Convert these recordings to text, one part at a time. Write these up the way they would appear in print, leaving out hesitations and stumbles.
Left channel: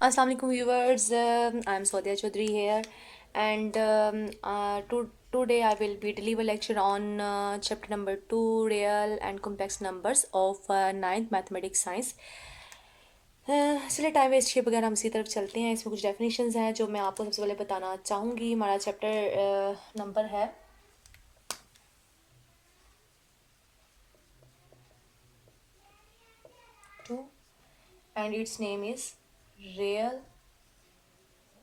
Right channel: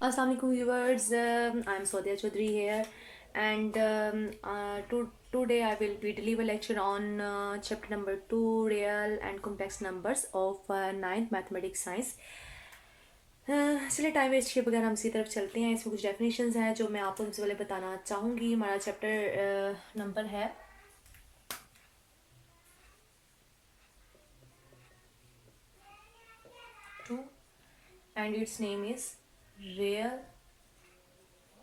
Assalamu alaikum viewers, I'm Swadia Chaudhary here, and today I will be deliver lecture on chapter number 2, real and complex numbers of ninth mathematics science. चलिए time waste किए बगैर हम इसी तरफ चलते हैं। इसमें कुछ डेफिनेशंस हैं जो मैं आपको सबसे पहले बताना चाहूँगी। हमारा चैप्टर नंबर है 2 and its name is real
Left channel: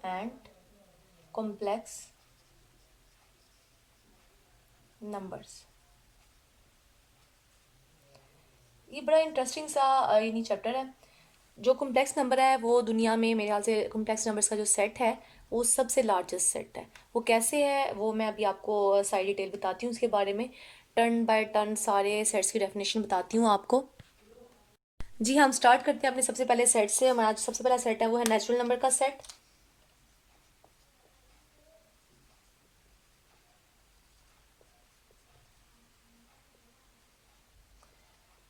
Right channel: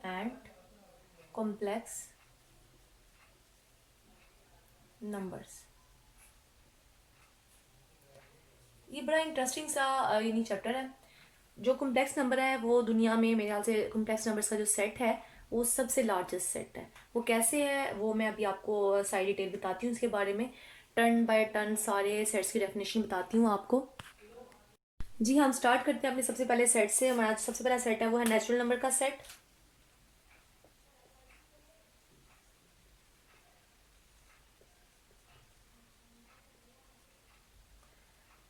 and complex numbers। ये बड़ा इंटरेस्टिंग सा यानी चैप्टर है। जो कॉम्प्लेक्स नंबर है वो दुनिया में मेरे ख्याल से कॉम्प्लेक्स नंबर्स का जो सेट है वो सबसे लार्जेस्ट सेट है। वो कैसे है वो मैं अभी आपको सारी डिटेल बताती हूँ उसके बारे में। टर्न बाय टर्न सारे सेट्स की डेफिनेशन बताती हूँ आपको। जी हम स्टार्ट करते हैं अपने सबसे पहले सेट से। हमारा जो सबसे पहला सेट है वो है नेचुरल नंबर का सेट।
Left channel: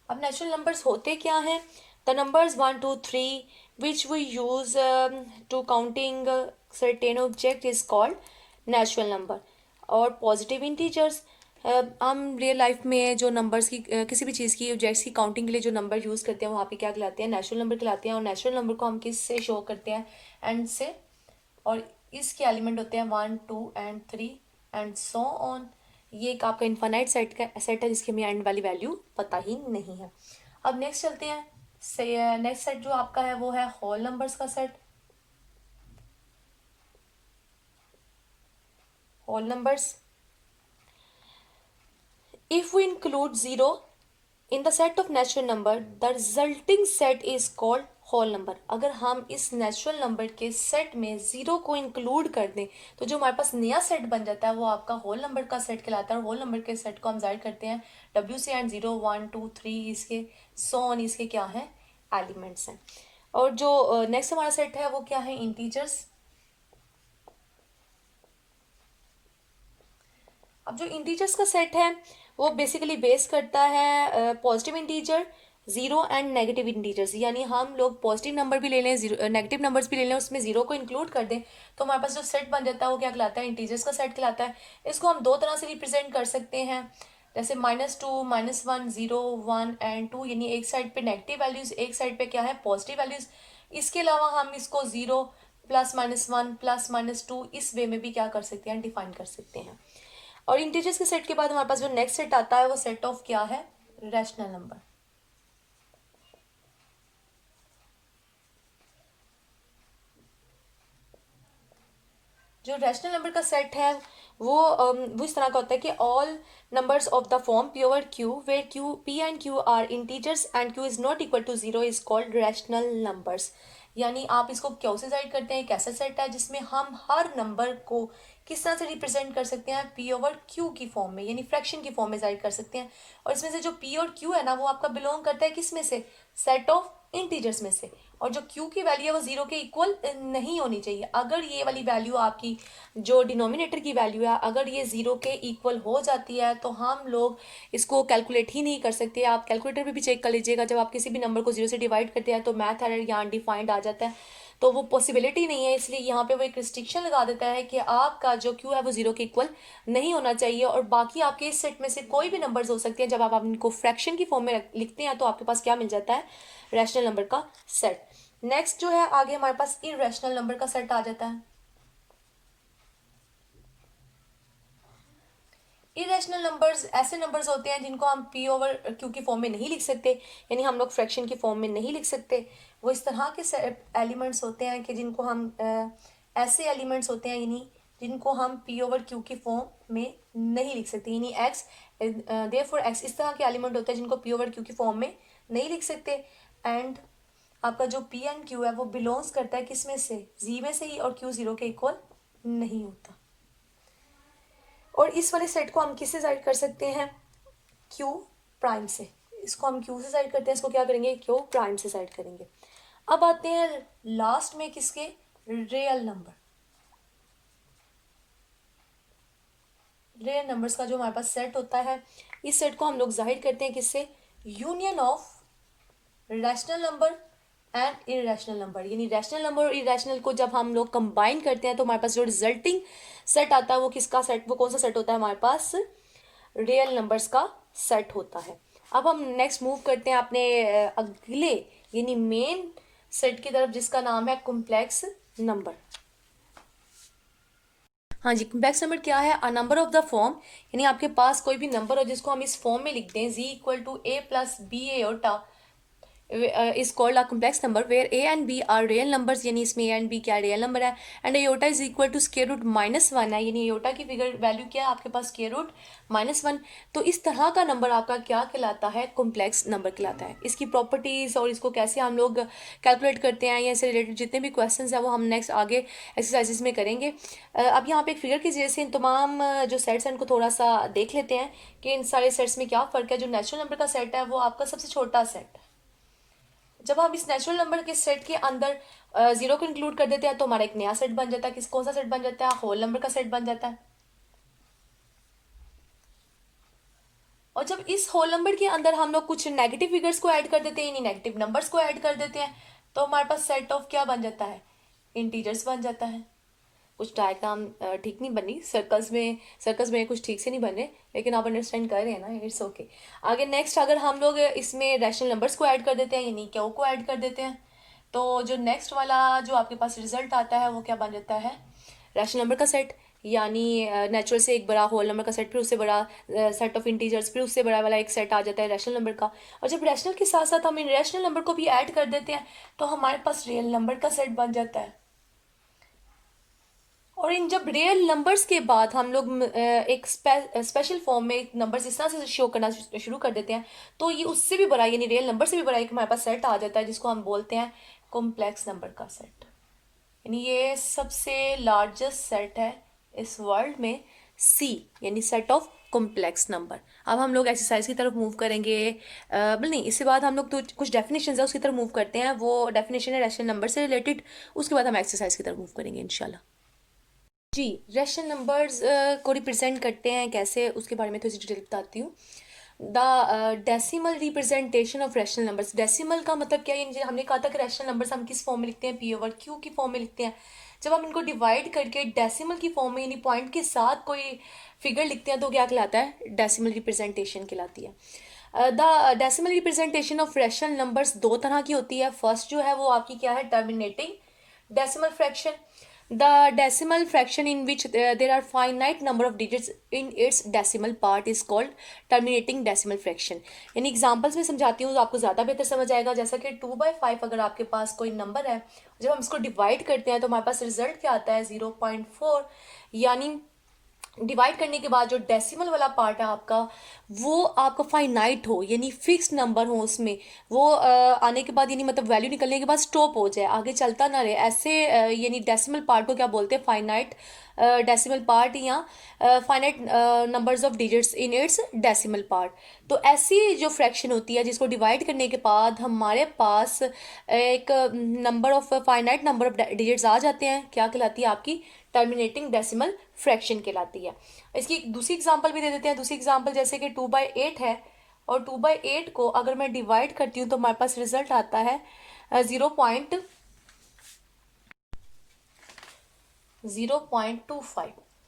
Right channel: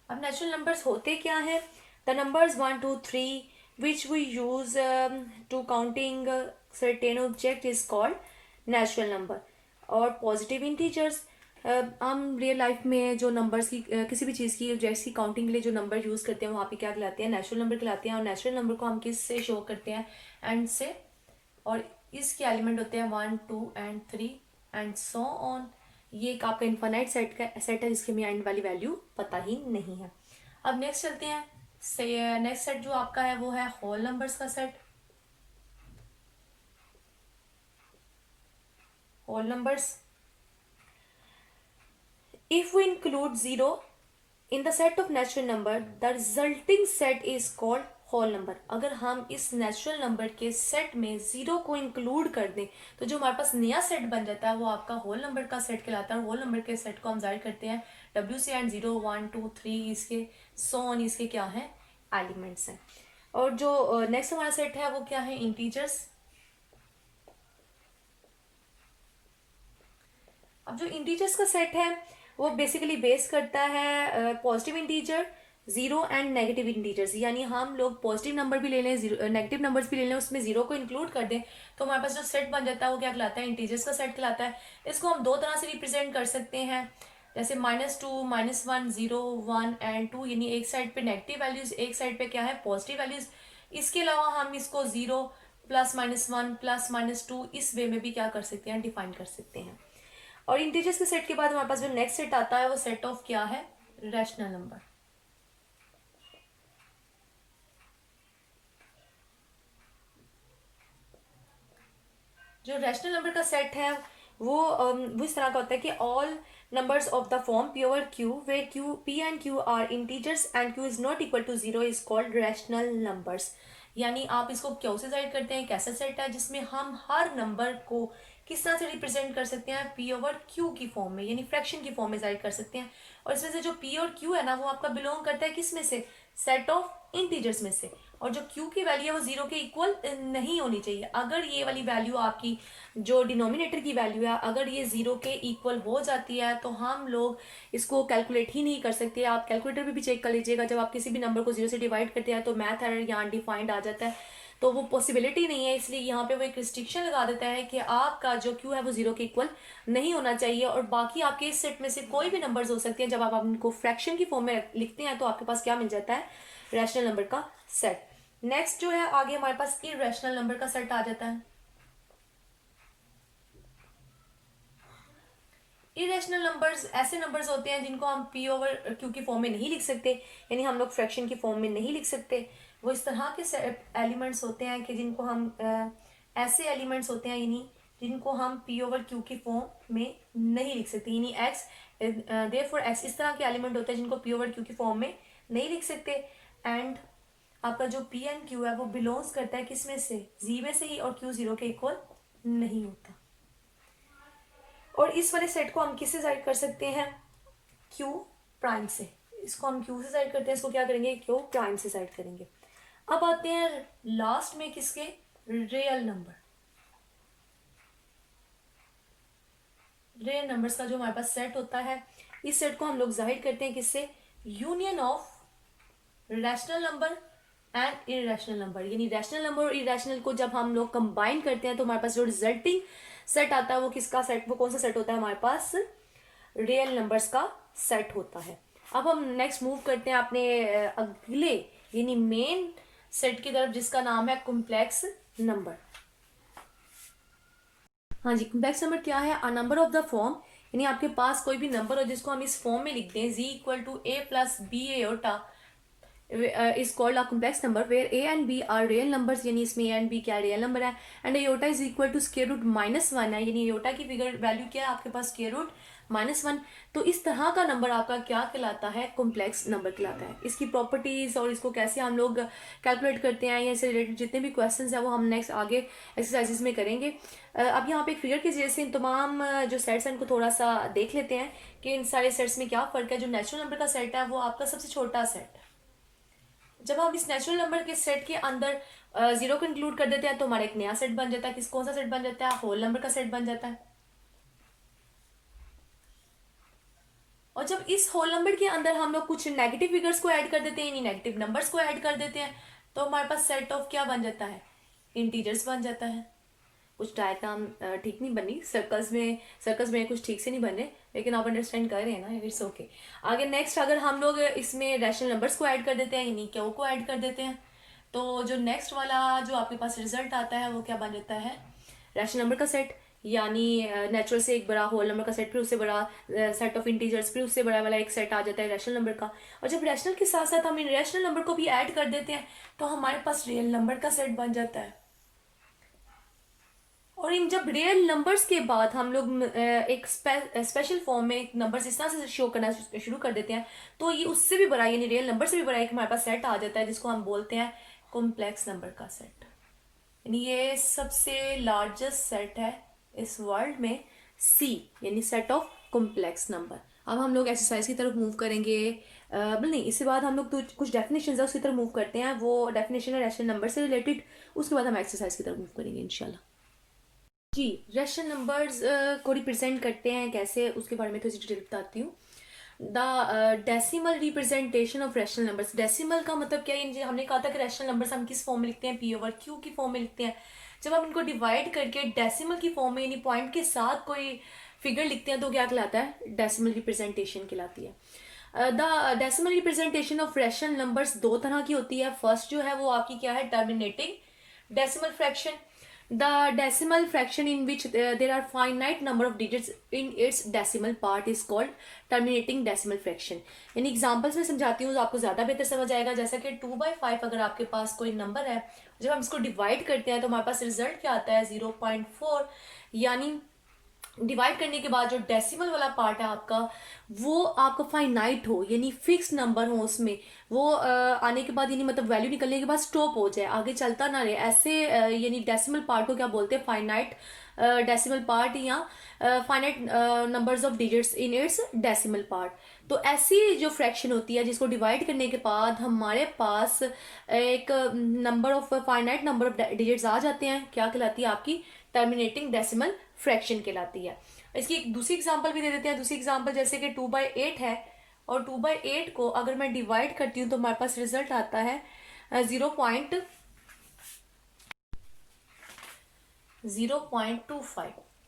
अब नेचुरल नंबर्स होते क्या हैं? The numbers 1 2 3 which we use to counting certain object is called natural number. और पॉजिटिव इंटीजर्स, हम रियल लाइफ में जो नंबर्स की किसी भी चीज़ की ऑब्जेक्ट्स की काउंटिंग के लिए जो नंबर यूज़ करते हैं वहाँ पे क्या कहलाते हैं? नेचुरल नंबर कहलाते हैं। और नेचुरल नंबर को हम किस से शो करते हैं? एंड से। और इसके एलिमेंट होते हैं 1 2 and 3 एंड सो ऑन। ये एक आपका इन्फानाइट सेट है जिसकी हमें एंड वाली वैल्यू पता ही नहीं है। अब नेक्स्ट चलते हैं। से नेक्स्ट सेट जो आपका है वो है होल नंबर्स का set. Whole numbers, if we include 0 in the set of natural number, the resulting set is called whole number. अगर हम इस नेचुरल नंबर के सेट में जीरो को इंक्लूड कर दें तो जो हमारे पास नया सेट बन जाता है वो आपका होल नंबर का सेट कहलाता है। और होल नंबर के सेट को हम जाहिर करते हैं डब्ल्यू से। एंड 0 1 2 3 इसके सो ऑन इसके क्या है? एलिमेंट्स हैं। और जो नेक्स्ट हमारा सेट है वो क्या है? इंटीजर्स। अब जो इंटीजर्स का सेट है वो बेसिकली बेस करता है positive integer, zero and negative integers. यानी हम लोग पॉजिटिव नंबर भी ले लें, नेगेटिव नंबर्स भी ले लें, उसमें जीरो को इंक्लूड कर दें तो हमारे पास जो सेट बन जाता है वो क्या कहलाता है? इंटीजर्स का सेट कहलाता है। इसको हम दो तरह से रिप्रेजेंट कर सकते हैं, जैसे -2 -1 0 1 एंड 2। यानी एक साइड पे नेगेटिव वैल्यूज, एक साइड पे क्या है? Positive values. इसके अलावा हम इसको 0 +-1 +-2 इस वे में भी क्या कर सकते हैं? डिफाइन कर सकते हैं। और इंटीजर्स के सेट के बाद हमारे पास जो नेक्स्ट सेट आता है वो सेट ऑफ क्या है? Rational number. जो रैशनल नंबर का सेट है वो इस तरह का होता है कि all numbers of the form P over Q where Q P and Q are integers and Q is not equal to 0 is called rational numbers. यानी आप इसको क्यों से साइड करते हैं? एक ऐसा सेट है जिसमें हम हर नंबर को किस तरह से रिप्रेजेंट कर सकते हैं? पी ओवर क्यू की फॉर्म में, यानी फ्रैक्शन की फॉर्म में साइड कर सकते हैं। और इसमें से जो पी और क्यू है ना वो आपका बिलोंग करता है किस में से? सेट ऑफ इंटीजर्स में से। और जो क्यू की वैल्यू है वो जीरो के इक्वल नहीं होनी चाहिए। अगर ये वाली वैल्यू आपकी जो डिनोमिनेटर की वैल्यू है अगर ये जीरो के इक्वल हो जाती है तो हम लोग इसको कैलकुलेट ही नहीं कर सकते। आप कैलकुलेटर पे भी चेक कर लीजिएगा, जब आप किसी भी नंबर को जीरो से डिवाइड करते हैं तो मैथ एरर यहाँ डिफाइंड आ जाता है, तो वो पॉसिबिलिटी नहीं है। इसलिए यहाँ पे वो एक रिस्ट्रिक्शन लगा देता है कि आपका जो क्यू है वो जीरो के इक्वल नहीं होना चाहिए। और बाकी आपके इस सेट में से कोई भी नंबर्स हो सकते हैं, जब आप इनको फ्रैक्शन की फॉर्म में लिखते हैं तो आपके पास क्या मिल जाता है? रैशनल नंबर का सेट। नेक्स्ट जो है आगे हमारे पास इरेशनल नंबर का सेट आ जाता है। इरेशनल नंबर्स ऐसे नंबर्स होते हैं जिनको हम पी ओवर क्यू की फॉर्म में नहीं लिख सकते, यानी हम लोग फ्रैक्शन की फॉर्म में नहीं लिख सकते। वो इस तरह के एलिमेंट्स होते हैं कि जिनको हम ऐसे एलिमेंट्स होते हैं यानी जिनको हम पी ओवर क्यू की फॉर्म में नहीं लिख सकते। यानी एक्स, देयरफॉर एक्स इस तरह के एलिमेंट होते हैं जिनको पी ओवर क्यू की फॉर्म में नहीं लिख सकते। एंड आपका जो पी एंड क्यू है वो बिलोंग्स करता है किस में से? जी में से ही। और क्यू जीरो के इक्वल नहीं होता। और इस वाले सेट को हम किससे साइड कर सकते हैं? क्यू प्राइम से। इसको हम क्यू से साइड करते हैं, इसको क्या करेंगे? क्यू प्राइम से साइड करेंगे। अब आते हैं लास्ट में किसके? Real number. रियल नंबर्स का जो हमारे पास सेट होता है इस सेट को हम लोग जाहिर करते हैं किससे? Union of rational number and irrational number, यानी रैशनल नंबर और इरेशनल को जब हम लोग कंबाइन करते हैं तो हमारे पास जो रिजल्टिंग सेट आता है वो किसका सेट, वो कौन सा सेट होता है हमारे पास, रियल नंबर्स का सेट होता है। अब हम नेक्स्ट मूव करते हैं अपने अगले यानी मेन सेट की तरफ जिसका नाम है कॉम्प्लेक्स नंबर। हाँ जी, कॉम्प्लेक्स नंबर क्या है, a number of the form, यानी आपके पास कोई भी नंबर हो जिसको हम इस फॉर्म में लिखते हैं z equal to a plus B iota is called a complex number where a and b are real numbers, यानी इसमें a and b क्या रियल नंबर है, and iota is equal to square root -1 है, यानी aorta की figure value क्या है आपके पास, स्क्वायर रूट -1। तो इस तरह का नंबर आपका क्या कहलाता है, कॉम्प्लेक्स नंबर कहलाता है। इसकी प्रॉपर्टीज और इसको कैसे हम लोग कैलकुलेट करते हैं या इससे रिलेटेड जितने भी क्वेश्चंस हैं वो हम नेक्स्ट आगे एक्सरसाइजेस में करेंगे। अब यहाँ पे एक फिगर की वजह से इन तमाम जो सेट्स हैं इनको थोड़ा सा देख लेते हैं कि इन सारे सेट्स में क्या फ़र्क है। जो नेचुरल नंबर का सेट है वो आपका सबसे छोटा सेट, जब हम इस नेचुरल नंबर के सेट के अंदर जीरो को इंक्लूड कर देते हैं तो हमारा एक नया सेट बन जाता है। कौन सा सेट बन जाता है, होल नंबर का सेट बन जाता है। और जब इस होल नंबर के अंदर हम लोग कुछ नेगेटिव फिगर्स को ऐड कर देते हैं, यानी नेगेटिव नंबर्स को ऐड कर देते हैं, तो हमारे पास सेट ऑफ क्या बन जाता है, इंटीजर्स बन जाता है। कुछ डायग्राम ठीक नहीं बनी, सर्कल्स में कुछ ठीक से नहीं बन रहे, लेकिन आप अंडरस्टैंड कर रहे हैं ना, इट्स ओके। आगे नेक्स्ट अगर हम लोग इसमें रैशनल नंबर्स को ऐड कर देते हैं यानी क्यू को ऐड कर देते हैं, तो जो नेक्स्ट वाला जो आपके पास रिजल्ट आता है वो क्या बन जाता है, रैशनल नंबर का सेट, यानी नेचुरल से एक बड़ा होल नंबर का सेट, फिर उससे बड़ा सेट ऑफ इंटीजर्स, फिर उससे बड़ा वाला एक सेट आ जाता है रैशनल नंबर का। और जब रैशनल के साथ साथ हम इरेशनल नंबर को भी ऐड कर देते हैं तो हमारे पास रियल नंबर का सेट बन जाता है। और इन जब रियल नंबर्स के बाद हम लोग एक स्पेशल फॉर्म में नंबर्स इस तरह से शो करना शुरू कर देते हैं तो ये उससे भी बड़ा यानी रियल नंबर से भी बड़ा एक हमारे पास सेट आ जाता है जिसको हम बोलते हैं कॉम्प्लेक्स नंबर का सेट। यानी ये सबसे लार्जेस्ट सेट है इस वर्ल्ड में, सी यानी सेट ऑफ कॉम्प्लेक्स नंबर। अब हम लोग एक्सरसाइज की तरफ मूव करेंगे, नहीं इसके बाद हम लोग तो कुछ डेफिनेशन है उसकी तरफ मूव करते हैं, वो डेफिनेशन है रैशनल नंबर से रिलेटेड, उसके बाद हम एक्सरसाइज की तरफ मूव करेंगे इंशाल्लाह। जी, रैशनल नंबर्स को रिप्रेजेंट करते हैं कैसे, उसके बारे में थोड़ी सी डिटेल बताती हूँ। The decimal representation of rational numbers, decimal का मतलब क्या है, हमने कहा था कि रैशनल नंबर्स हम किस फॉर्म में लिखते हैं, पी ओवर क्यू की फॉर्म में लिखते हैं। जब हम इनको डिवाइड करके डेसिमल की फॉर्म में यानी पॉइंट के साथ कोई फिगर लिखते हैं तो क्या कहलाता है, डेसिमल रिप्रेजेंटेशन कहलाती है। The decimal representation of rational numbers दो तरह की होती है। फर्स्ट जो है वो आपकी क्या है, terminating decimal fraction, the decimal fraction in which there are finite number of digits in its decimal part is called terminating decimal fraction। यानी एग्जांपल्स में समझाती हूँ तो आपको ज़्यादा बेहतर समझ आएगा। जैसा कि 2/5 अगर आपके पास कोई नंबर है, जब हम इसको डिवाइड करते हैं तो हमारे पास रिजल्ट क्या आता है, 0.4। यानी डिवाइड करने के बाद जो डेसिमल वाला पार्ट है आपका वो आपका फाइनाइट हो, यानी फिक्स नंबर हो उसमें, वो आने के बाद यानी मतलब वैल्यू निकलने के बाद स्टॉप हो जाए, आगे चलता ना रहे, ऐसे यानी डेसिमल पार्ट को क्या बोलते हैं, फाइनाइट डेसिमल पार्ट या finite numbers of digits in its decimal part. तो ऐसी जो फ्रैक्शन होती है जिसको डिवाइड करने के बाद हमारे पास एक number of finite number of digits आ जाते हैं, क्या कहलाती है आपकी, टर्मिनेटिंग डेसिमल फ्रैक्शन कहलाती है। इसकी एक दूसरी एग्जांपल भी दे देते हैं। दूसरी एग्जांपल जैसे कि 2/8 है और 2/8 को अगर मैं डिवाइड करती हूँ तो हमारे पास रिजल्ट आता है 0.25।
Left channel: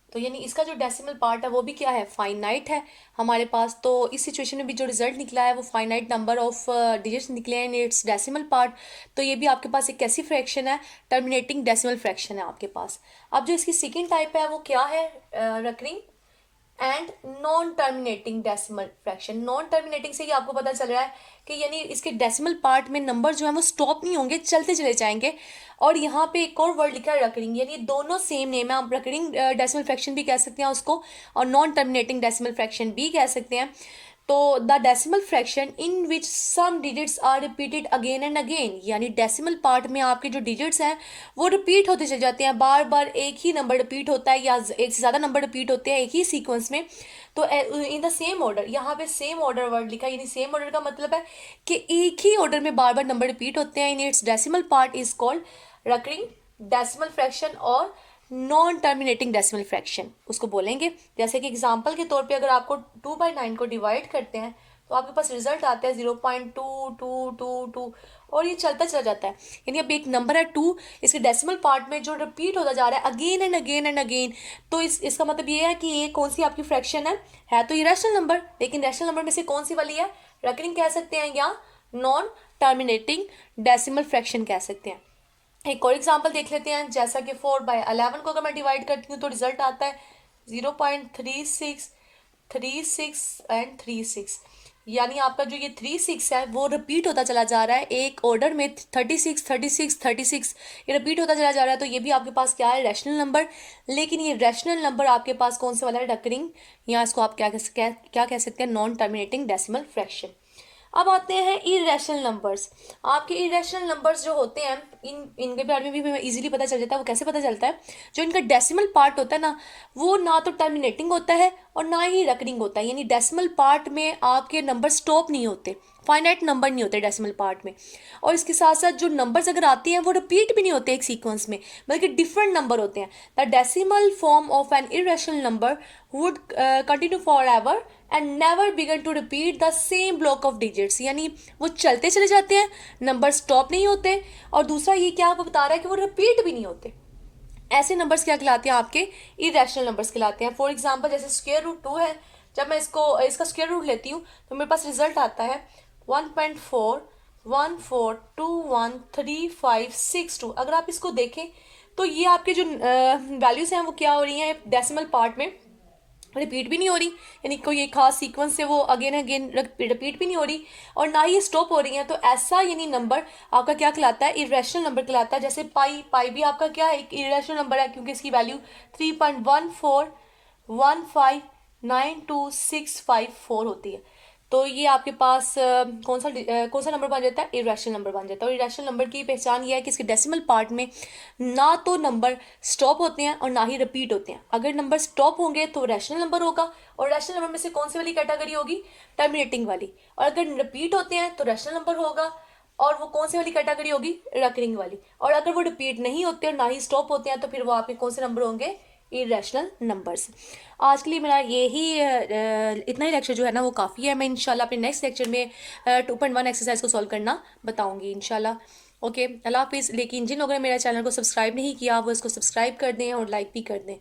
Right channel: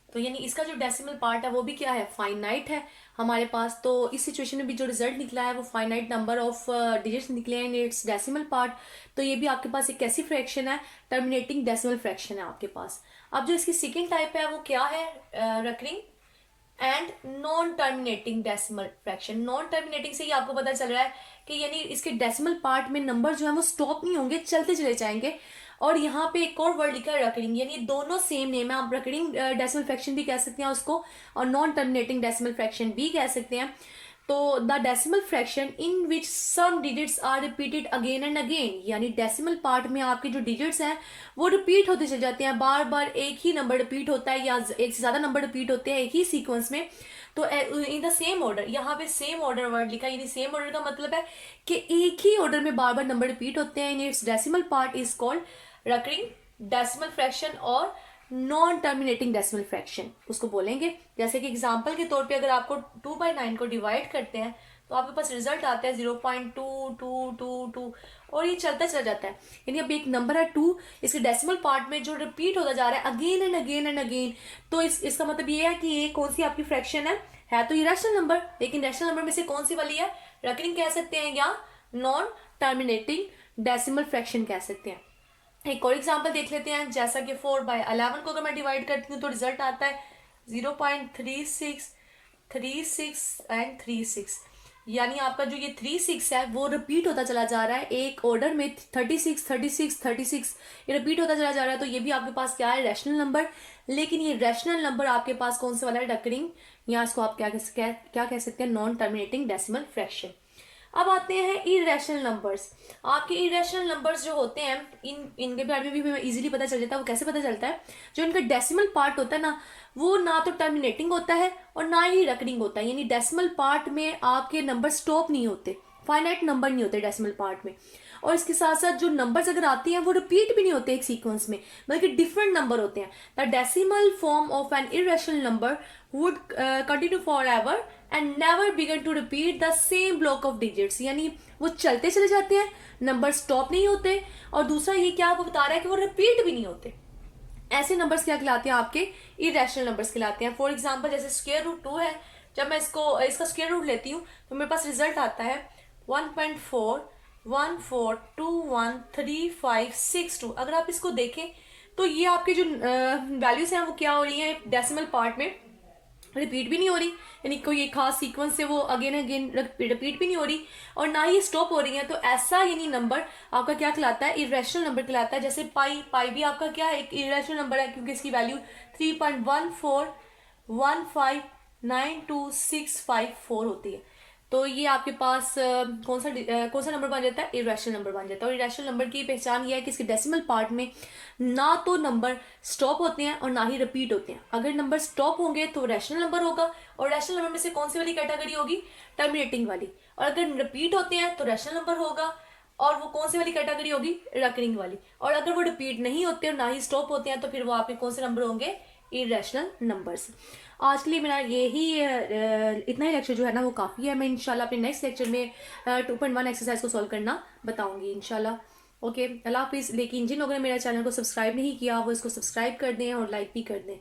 तो यानी इसका जो डेसिमल पार्ट है वो भी क्या है, फाइनाइट है हमारे पास। तो इस सिचुएशन में भी जो रिजल्ट निकला है वो फाइनाइट नंबर ऑफ डिजिट्स निकले हैं इन इट्स डेसिमल पार्ट। तो ये भी आपके पास एक कैसी फ्रैक्शन है, टर्मिनेटिंग डेसिमल फ्रैक्शन है आपके पास। अब जो इसकी सेकेंड टाइप है वो क्या है, recurring and non terminating decimal fraction. Non terminating से ही आपको पता चल रहा है कि यानी इसके डेसिमल पार्ट में नंबर जो है वो स्टॉप नहीं होंगे, चलते चले जाएंगे। और यहाँ पे एक और वर्ड लिखा है रकरिंग, यानी दोनों सेम नेम है, आप रकरिंग डेसिमल फ्रैक्शन भी कह सकते हैं उसको और नॉन टर्मिनेटिंग डेसिमल फ्रैक्शन भी कह सकते हैं। तो the decimal fraction in which some digits are repeated again and again, यानी डेसिमल पार्ट में आपके जो डिजिट्स हैं वो रिपीट होते चले जाते हैं, बार बार एक ही नंबर रिपीट होता है या एक से ज़्यादा नंबर रिपीट होते हैं एक ही सीक्वेंस में। तो इन द सेम ऑर्डर, यहाँ पे सेम ऑर्डर वर्ड लिखा है, यानी सेम ऑर्डर का मतलब है कि एक ही ऑर्डर में बार बार नंबर रिपीट होते हैं। In its decimal part is called recurring decimal fraction और नॉन टर्मिनेटिंग डेसिमल फ्रैक्शन उसको बोलेंगे। जैसे कि एग्जांपल के तौर पे अगर आपको 2/9 को डिवाइड करते हैं तो आपके पास रिजल्ट आता है 0.2222 और ये चलता चला जाता है। यानी अब एक नंबर है 2, इसके डेसिमल पार्ट में जो रिपीट होता जा रहा है again and again and again, तो इसका मतलब ये है कि ये कौन सी आपकी फ्रैक्शन है तो ये रैशनल नंबर, लेकिन रैशनल नंबर में से कौन सी वाली है, रेकरिंग कह सकते हैं या नॉन टर्मिनेटिंग डेसिमल फ्रैक्शन कह सकते हैं। एक और एग्जांपल देख लेते हैं, जैसा कि 4/11 को अगर मैं डिवाइड करती हूँ तो रिजल्ट आता है 0.3636 एंड 36, यानी आपका जो ये 36 है वो रिपीट होता चला जा रहा है एक ऑर्डर में 36 36 36, ये रिपीट होता चला जा रहा है। तो ये भी आपके पास क्या है, रैशनल नंबर, लेकिन ये रैशनल नंबर आपके पास कौन से वाला है, डकरिंग, या इसको आप क्या कह सकते हैं, नॉन टर्मिनेटिंग डेसिमल फ्रैक्शन। अब आते हैं इरेशनल नंबर्स। आपके इरेशनल नंबर्स जो होते हैं इनके बारे में भी हमें इजीली पता चल जाता है। वो कैसे पता चलता है, जो इनका डेसिमल पार्ट होता है ना, वो ना तो टर्मिनेटिंग होता है और ना ही रकरिंग होता है, यानी डेसिमल पार्ट में आपके नंबर स्टॉप नहीं होते, फाइनाइट नंबर नहीं होते डेसिमल पार्ट में। और इसके साथ साथ जो नंबर्स अगर आते हैं वो रिपीट भी नहीं होते एक सीक्वेंस में, बल्कि डिफरेंट नंबर होते हैं। The decimal form of an irrational number would continue forever and never begin to repeat the same block of digits, यानी वो चलते चले जाते हैं, नंबर स्टॉप नहीं होते, और दूसरा ये क्या आपको बता रहा है कि वो रिपीट भी नहीं होते। ऐसे नंबर्स क्या कहलाते हैं, आपके इरेशनल नंबर्स कहलाते हैं। फॉर एग्जाम्पल जैसे स्क्वायर रूट 2 है, जब मैं इसका स्क्वायर रूट लेती हूँ तो मेरे पास रिजल्ट आता है 1.41421356 अगर आप इसको देखें तो ये आपके जो वैल्यूज हैं वो क्या हो रही हैं, डेसिमल पार्ट में रिपीट भी नहीं हो रही, यानी कोई एक खास सीक्वेंस से वो अगेन अगेन रिपीट भी नहीं हो रही और ना ही स्टॉप हो रही है। तो ऐसा यानी नंबर आपका क्या कहलाता है, इरेशनल नंबर कहलाता है। जैसे पाई भी आपका क्या है, एक इरेशनल नंबर है, क्योंकि इसकी वैल्यू 3.14159265 होती है। तो ये आपके पास कौन सा नंबर बन जाता है, इरेशनल नंबर बन जाता है। और इरेशनल नंबर की पहचान ये है कि इसके डेसिमल पार्ट में ना तो नंबर स्टॉप होते हैं और ना ही रिपीट होते हैं। अगर नंबर स्टॉप होंगे तो रैशनल नंबर होगा, और रैशनल नंबर में से कौन सी वाली कैटेगरी होगी, टर्मिनेटिंग वाली। और अगर रिपीट होते हैं तो रैशनल नंबर होगा, और वो कौन सी वाली कैटेगरी होगी, रकरिंग वाली। और अगर वो रिपीट नहीं होते और ना ही स्टॉप होते हैं तो फिर वो आपके कौन से नंबर होंगे, इरेशनल नंबर्स। आज के लिए मेरा यही इतना ही लेक्चर जो है ना वो काफ़ी है। मैं इंशाल्लाह अपने नेक्स्ट लेक्चर में 2.1 एक्सरसाइज को सॉल्व करना बताऊंगी इंशाल्लाह। ओके, अल्लाह हाफिज़। लेकिन जिन लोगों ने मेरा चैनल को सब्सक्राइब नहीं किया वो इसको सब्सक्राइब कर दें और लाइक भी कर दें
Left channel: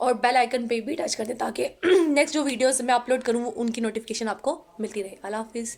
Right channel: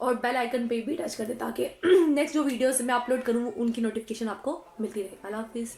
और बेल आइकन पे भी टच कर दें, ताकि नेक्स्ट जो वीडियोस मैं अपलोड करूँ उनकी नोटिफिकेशन आपको मिलती रहे। अल्लाह हाफिज़।